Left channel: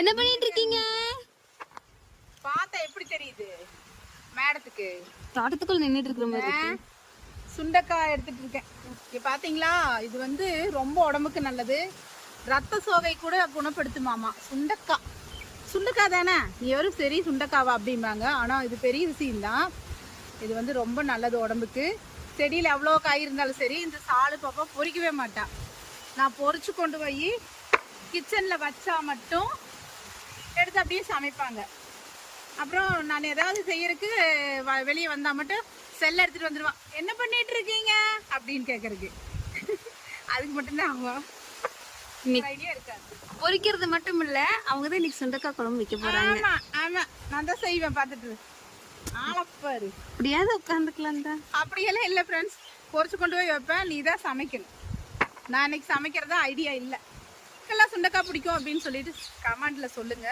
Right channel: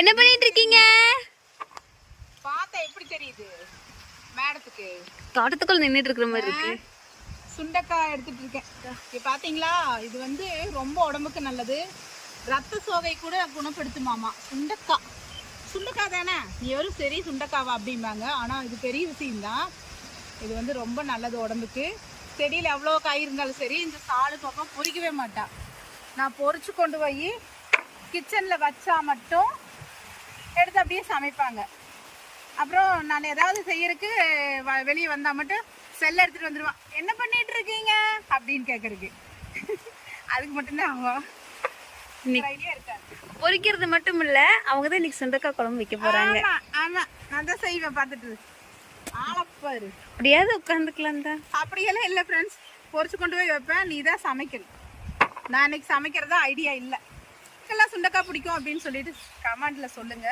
என்ன பண்ணிட்டு இருக்கீங்க பார்த்தா எப்படி தெரியுது? மேடத்துக்கு. தோட்டத்துக்குள்ள நின்னுட்டு இருக்கிற மாதிரி இருக்கு. சுண்டைக்காய் எடுத்துட்டு இருக்கேன் இது பாத்தீங்களா? இது வந்து ரொம்ப உடம்புக்கு நல்லது. ரத்த சோகை கூட குணப்படுத்துமாமா. சுண்டைக்காய் சுண்டைக்காய் தானே? நீ வெறும் சரி சுண்டைக்காவா அப்படிம்பாங்க. ஆனா இது பெரிய விஷயம்தான் இது வந்து ரொம்ப நல்லது உடம்புக்கு. செடியில் எவ்வளோ காய் இருந்தாலும் சரி இந்த சாலு பாப்பா பொறிக்கவே மாட்டான் நான் பொறிச்சு கொண்டு போய் கிச்சனில் வச்சா மட்டும் அப்படியே சமைப்பாங்க. அப்புறம் நான் ஏதாவது செய்யறதுக்கு வெளியே வந்தா மட்டும் செல்ல எடுத்துட்டு வந்துடுவான் என்ன பண்ணிட்டு இருக்கீங்க? அப்படின்னு கேட்கறதுக்கு அதுக்கு மட்டும்தான் இன்னைக்கு ஐடியா இருக்காது. பொரிக்கிறது மட்டும் இல்ல அவங்க தான் இன்னைக்கு சுண்டக்காய் குழம்பு வைக்க போறாங்க. ஆமா நான் தான் செய்வேன் பார்த்துட்டு ஆளப்பாரு. அப்படியாவது உட்காந்துக்கலாம் தான். அப்படியெல்லாம் இல்லை ஃப்ரெண்ட்ஸ் பொரிச்சு கொண்டு போய் வைப்பேன் நீ தான் சமைக்கணும். நான் இன்னைக்கு சமைக்கிறதா ஐடியா இல்லை. எல்லாம் சுண்டக்காய் பிடிக்கும் அப்படின்னு சொல்லிட்டு கமெண்ட்ல சொல்லுங்க.